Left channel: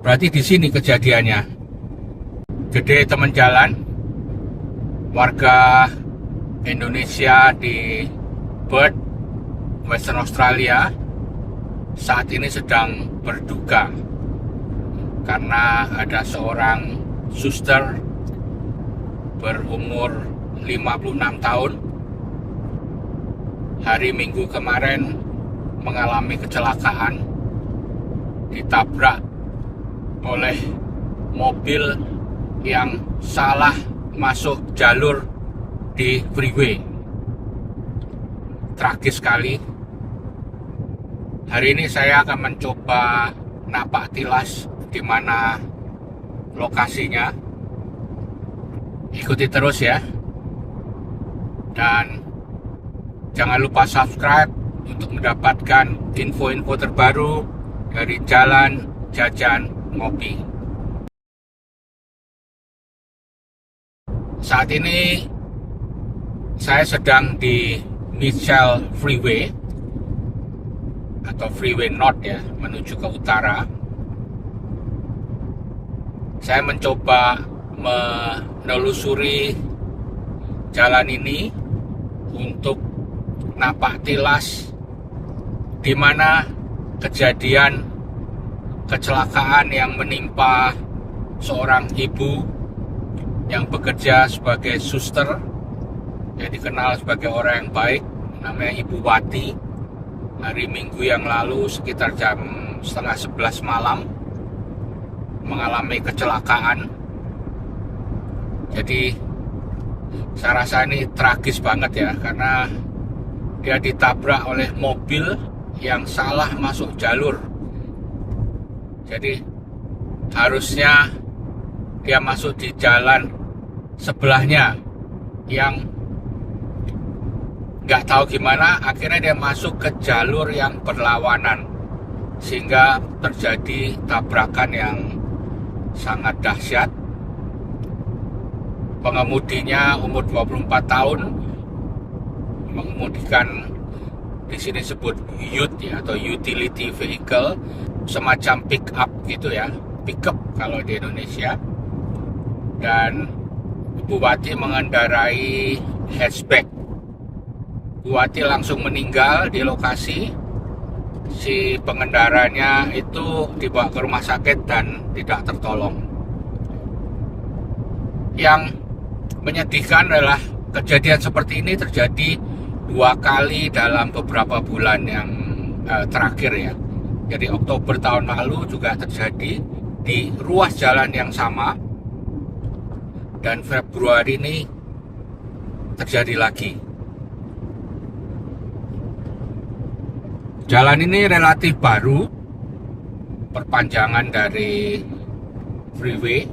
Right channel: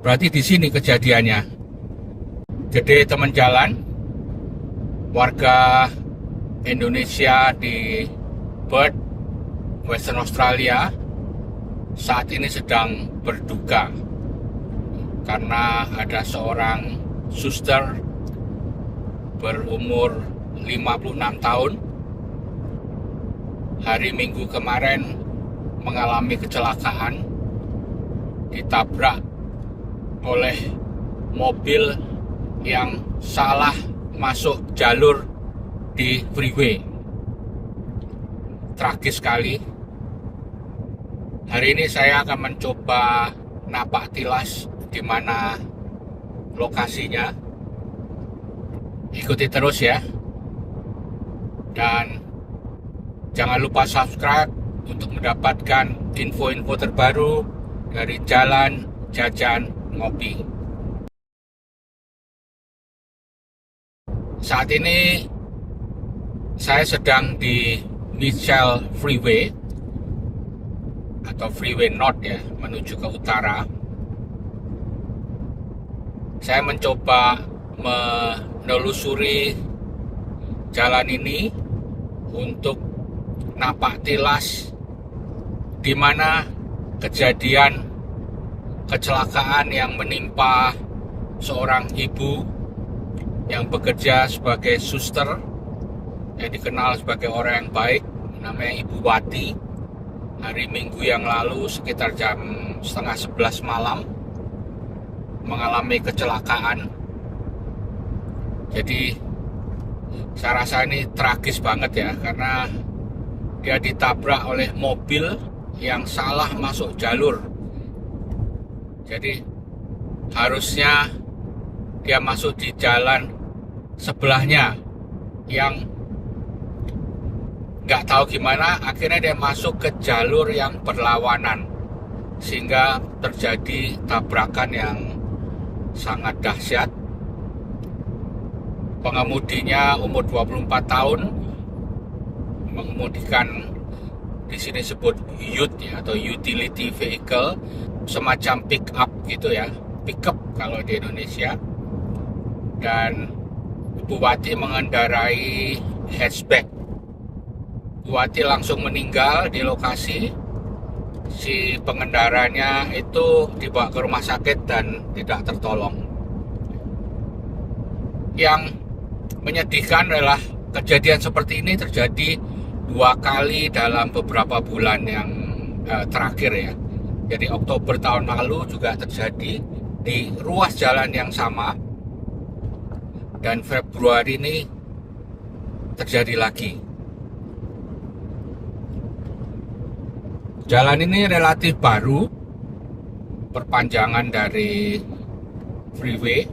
Berarti di sini kejadiannya. Jadi teman jalan, warga Indonesia di Perth, Western Australia, saat ini sedang berduka karena ada seorang suster berumur 56 tahun hari Minggu kemarin mengalami kecelakaan, ditabrak oleh mobil yang salah masuk jalur di freeway. Tragis sekali. Hari ini saya akan mencoba napak tilas di mana lokasinya. Ikuti terus ya. Dan jangan lupa subscribe untuk mendapatkan info-info terbaru dari Jalan Jajan Ngopi. Saat ini saya sedang di Mitchell Freeway atau Freeway North ya, menuju ke utara. Saya mencoba menelusuri jalan ini untuk napak tilas di mana kejadian kecelakaan yang menimpa seorang ibu yang bekerja sebagai suster, yang dikenal sebagai orang yang baik, namanya Ibu Wati. Hari Minggu yang lalu sekitar jam 10:30 malam mengalami kecelakaan. Jadi saya rasa ini tragis banget ya, karena dia ditabrak oleh mobil yang salah masuk jalur. Jadi harusnya dia masuk di jalan sebelahnya yang nggak tahu gimana, akhirnya dia masuk ke jalur yang berlawanan sehingga terjadi tabrakan yang sangat dahsyat. Pengemudinya umur 24 tahun, mengemudikan di sini sebut ute ya, atau utility vehicle, semacam pick up gitu ya, pickup kalau di Indonesia. Dan Bu Wati mengendarai hatchback. Bu Wati langsung meninggal di lokasi. Si pengendaranya itu dibawa ke rumah sakit dan tidak tertolong. Yang menyedihkan adalah kejadian seperti ini terjadi 2 kali dalam beberapa bulan yang terakhir ya. Jadi Oktober tahun lalu juga terjadi di ruas jalan yang sama, dan Februari ini terjadi lagi. Jalan ini relatif baru, perpanjangan dari freeway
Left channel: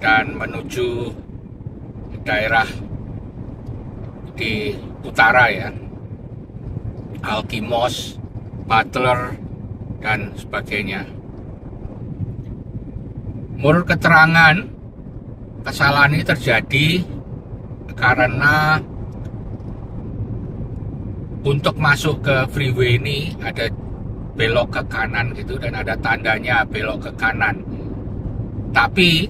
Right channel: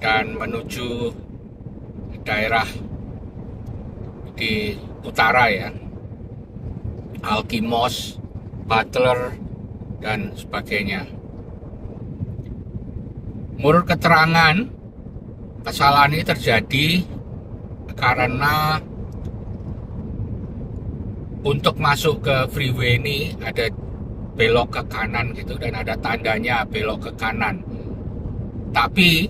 dan menuju daerah di utara ya, Alkimos, Butler, dan sebagainya. Menurut keterangan, kesalahan ini terjadi karena untuk masuk ke freeway ini ada belok ke kanan gitu, dan ada tandanya belok ke kanan. Tapi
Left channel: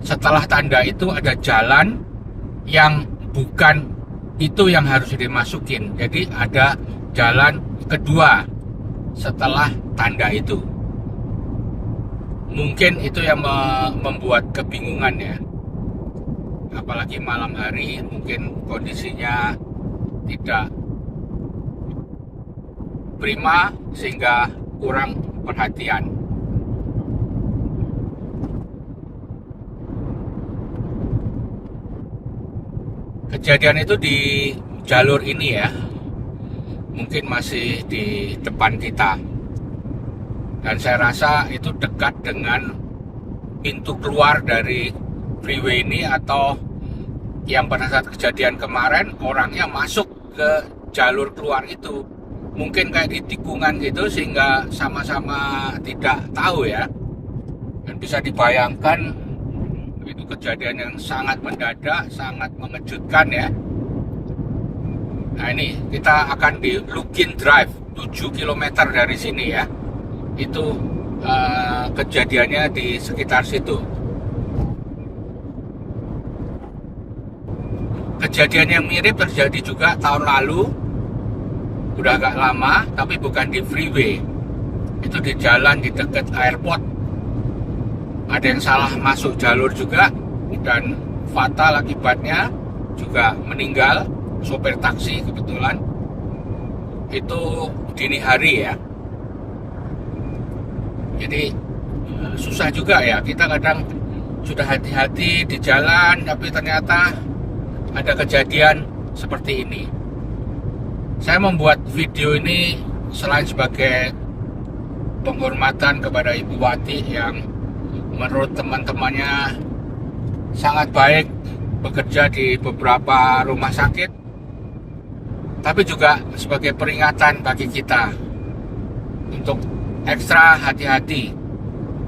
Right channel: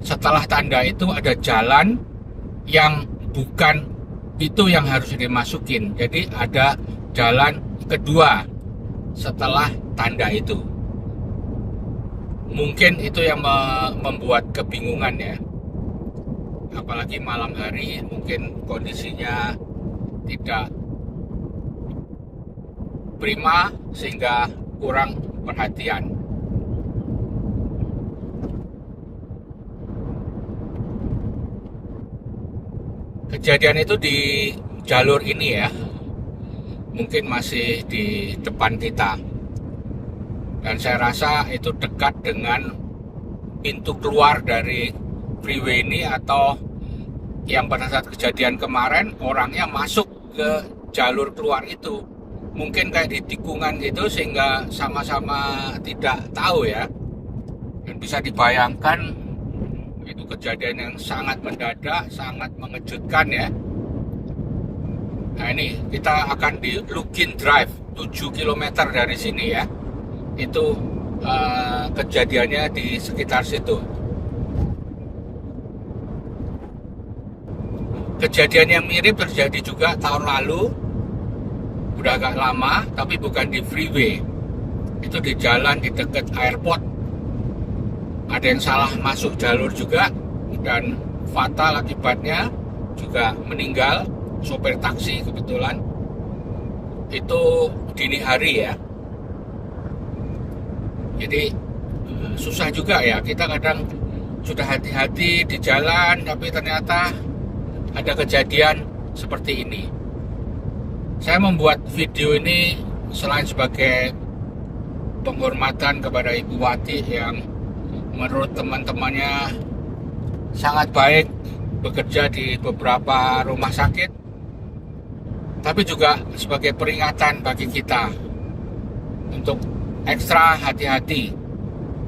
setelah tanda itu ada jalan yang bukan itu yang harus dimasukin. Jadi ada jalan kedua setelah tanda itu. Mungkin itu yang membuat kebingungan ya. Apalagi malam hari mungkin kondisinya tidak prima sehingga kurang perhatian. Kejadian itu di jalur ini ya, mungkin masih di depan kita, dan saya rasa itu dekat dengan pintu keluar dari freeway ini, atau yang pada saat kejadian kemarin orangnya masuk ke jalur keluar itu, mungkin kayak di tikungan gitu, sehingga sama-sama tidak tahu ya. Dan bisa dibayangkan itu kejadian yang sangat mendadak, sangat mengejutkan ya. Nah ini kita akan di Lukin Drive, 7 km dari sini ya. Itu kejadiannya di sekitar situ. Kejadian yang mirip terjadi juga tahun lalu, udah agak lama, tapi bukan di freeway. Itu di jalan di dekat airport. Ada yang salah masuk jalur juga, dan fatal akibatnya, juga meninggal sopir taksi kebetulan. Itu dini hari ya. Jadi susah juga ya, kita kadang sudah hati-hati di jalan, tapi ternyata ada kejadian seperti ini. Saya membuat video ini selain sebagai penghormatan kepada Ibu Wati yang menurut teman-temannya sangat baik bekerja di beberapa rumah sakit, tapi juga sebagai peringatan bagi kita untuk ekstra hati-hati,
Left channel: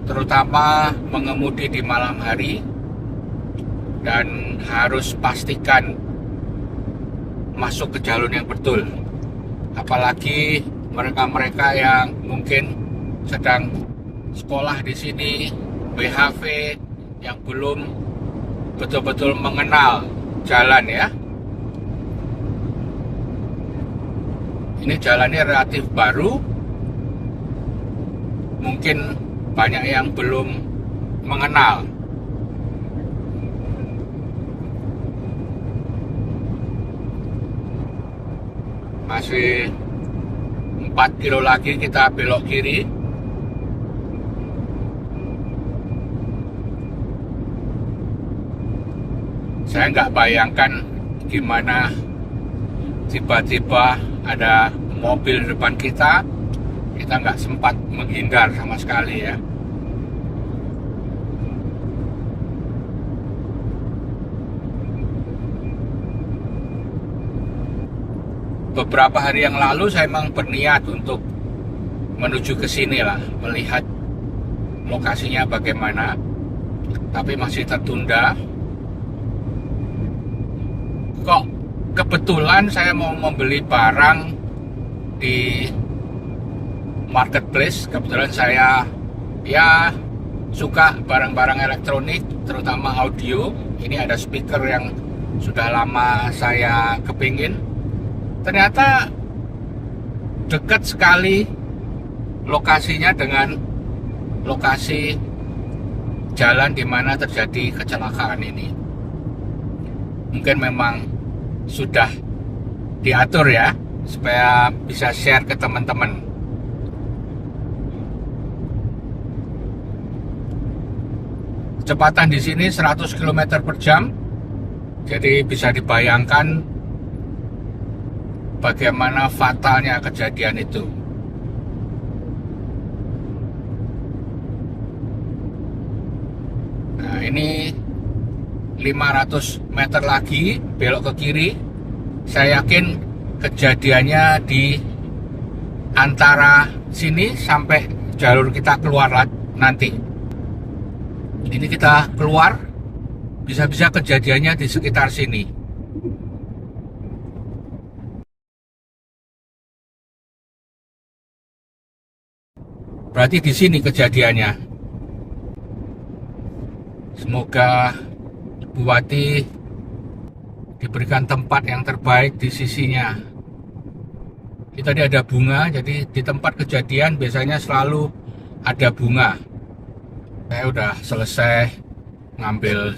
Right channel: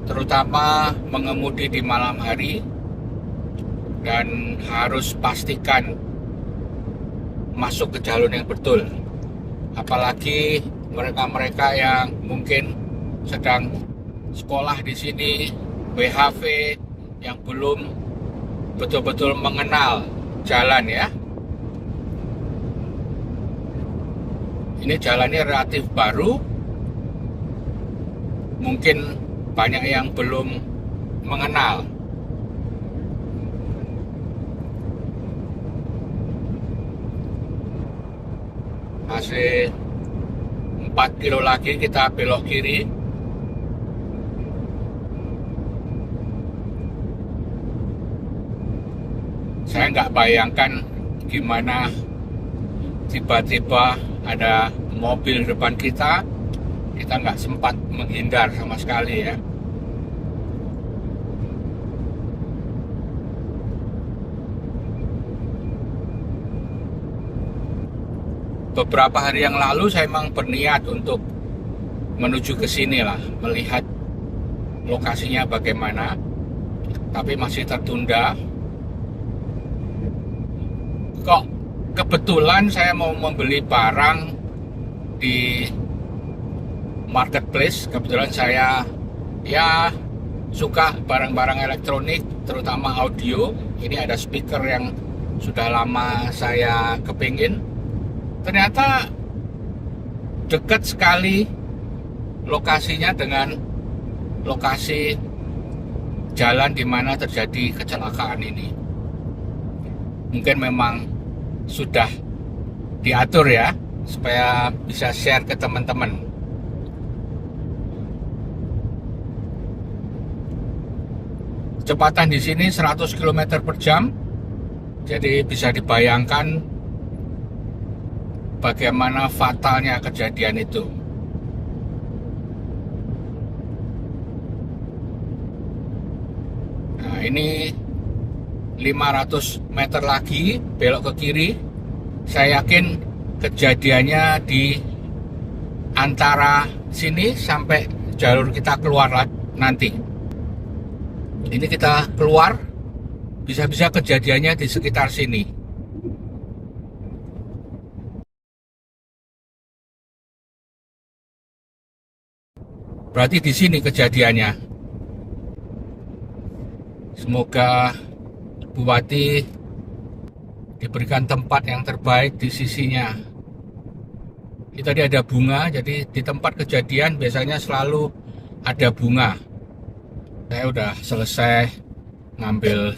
terutama mengemudi di malam hari, dan harus pastikan masuk ke jalur yang betul. Apalagi mereka-mereka yang mungkin sedang sekolah di sini, BHV, yang belum betul-betul mengenal jalan ya. Ini jalannya relatif baru, mungkin banyak yang belum mengenal. Masih 4 kilo lagi kita belok kiri. Saya nggak bayangkan gimana tiba-tiba ada mobil depan kita nggak sempat menghindar sama sekali ya. Beberapa hari yang lalu saya memang berniat untuk menuju ke sini lah, melihat lokasinya bagaimana, tapi masih tertunda. Kok kebetulan saya mau membeli barang di marketplace. Kebetulan saya ya suka barang-barang elektronik, terutama audio. Ini ada speaker yang sudah lama saya kepingin. Ternyata dekat sekali lokasinya dengan lokasi jalan di mana terjadi kecelakaan ini. Mungkin memang sudah diatur ya, supaya bisa share ke teman-teman. Kecepatan di sini 100 km per jam, jadi bisa dibayangkan bagaimana fatalnya kejadian itu. Nah, ini 500 meter lagi belok ke kiri. Saya yakin kejadiannya di antara sini sampai jalur kita keluar nanti. Ini kita keluar, bisa-bisa kejadiannya di sekitar sini. Berarti di sini kejadiannya. Semoga Bu Wati diberikan tempat yang terbaik di sisinya. Ini tadi ada bunga, jadi di tempat kejadian biasanya selalu ada bunga. Saya udah selesai ngambil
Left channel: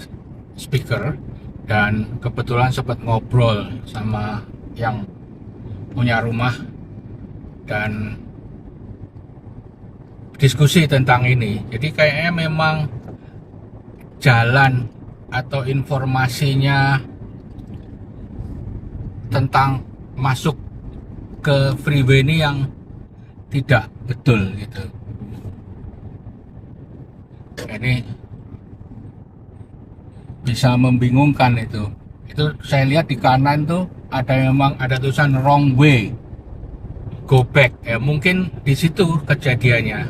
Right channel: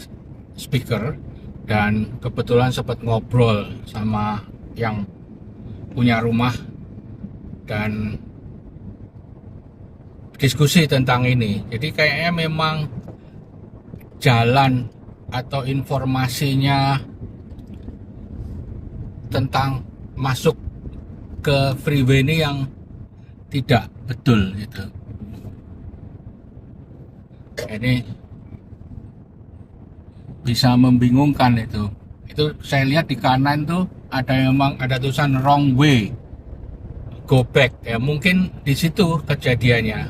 speaker dan kebetulan sempat ngobrol sama yang punya rumah dan diskusi tentang ini. Jadi kayaknya memang jalan atau informasinya tentang masuk ke freeway ini yang tidak betul gitu. Ini bisa membingungkan itu. Itu saya lihat di kanan tuh memang ada tulisan wrong way, go back ya, mungkin di situ kejadiannya.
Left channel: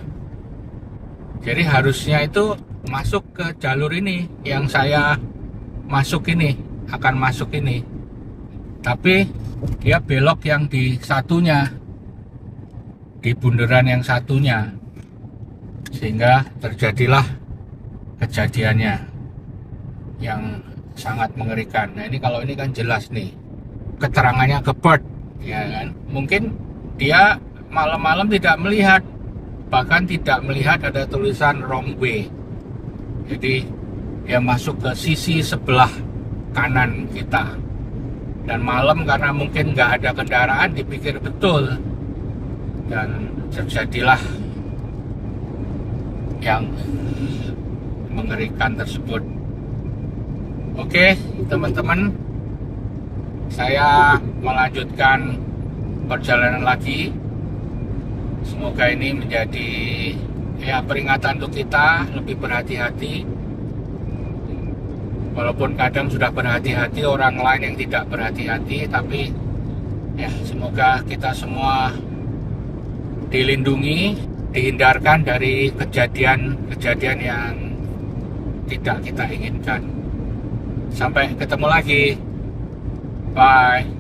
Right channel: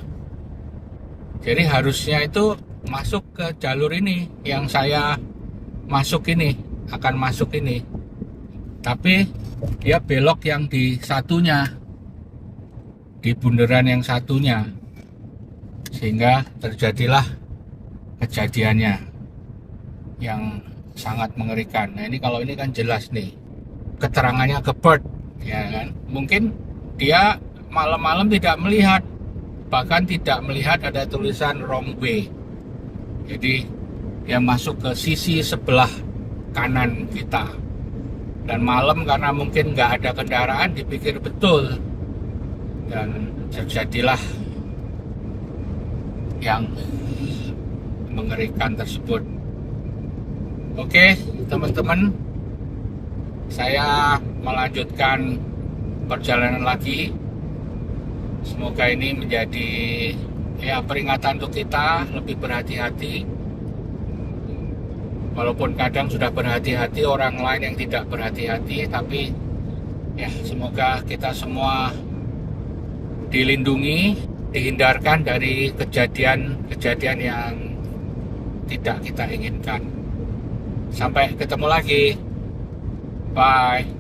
Jadi harusnya itu masuk ke jalur ini yang saya akan masuk ini, tapi dia belok yang di satunya, di bundaran yang satunya. sehingga terjadilah kejadiannya yang sangat mengerikan. Nah, ini kalau ini kan jelas nih keterangannya ke Bird, ya kan? Mungkin dia malam-malam tidak melihat, bahkan tidak melihat ada tulisan wrong way. Jadi dia masuk ke sisi sebelah kanan kita. Dan malam karena mungkin nggak ada kendaraan, dipikir betul. Dan terjadilah yang mengerikan tersebut. Oke, teman-teman, saya melanjutkan perjalanan lagi. Semoga ini menjadi peringatan untuk kita lebih berhati-hati. Walaupun kadang sudah berhati-hati orang lain yang tidak berhati-hati, tapi semoga kita semua dilindungi, dihindarkan dari kejadian-kejadian yang tidak kita inginkan. Sampai ketemu lagi. Bye.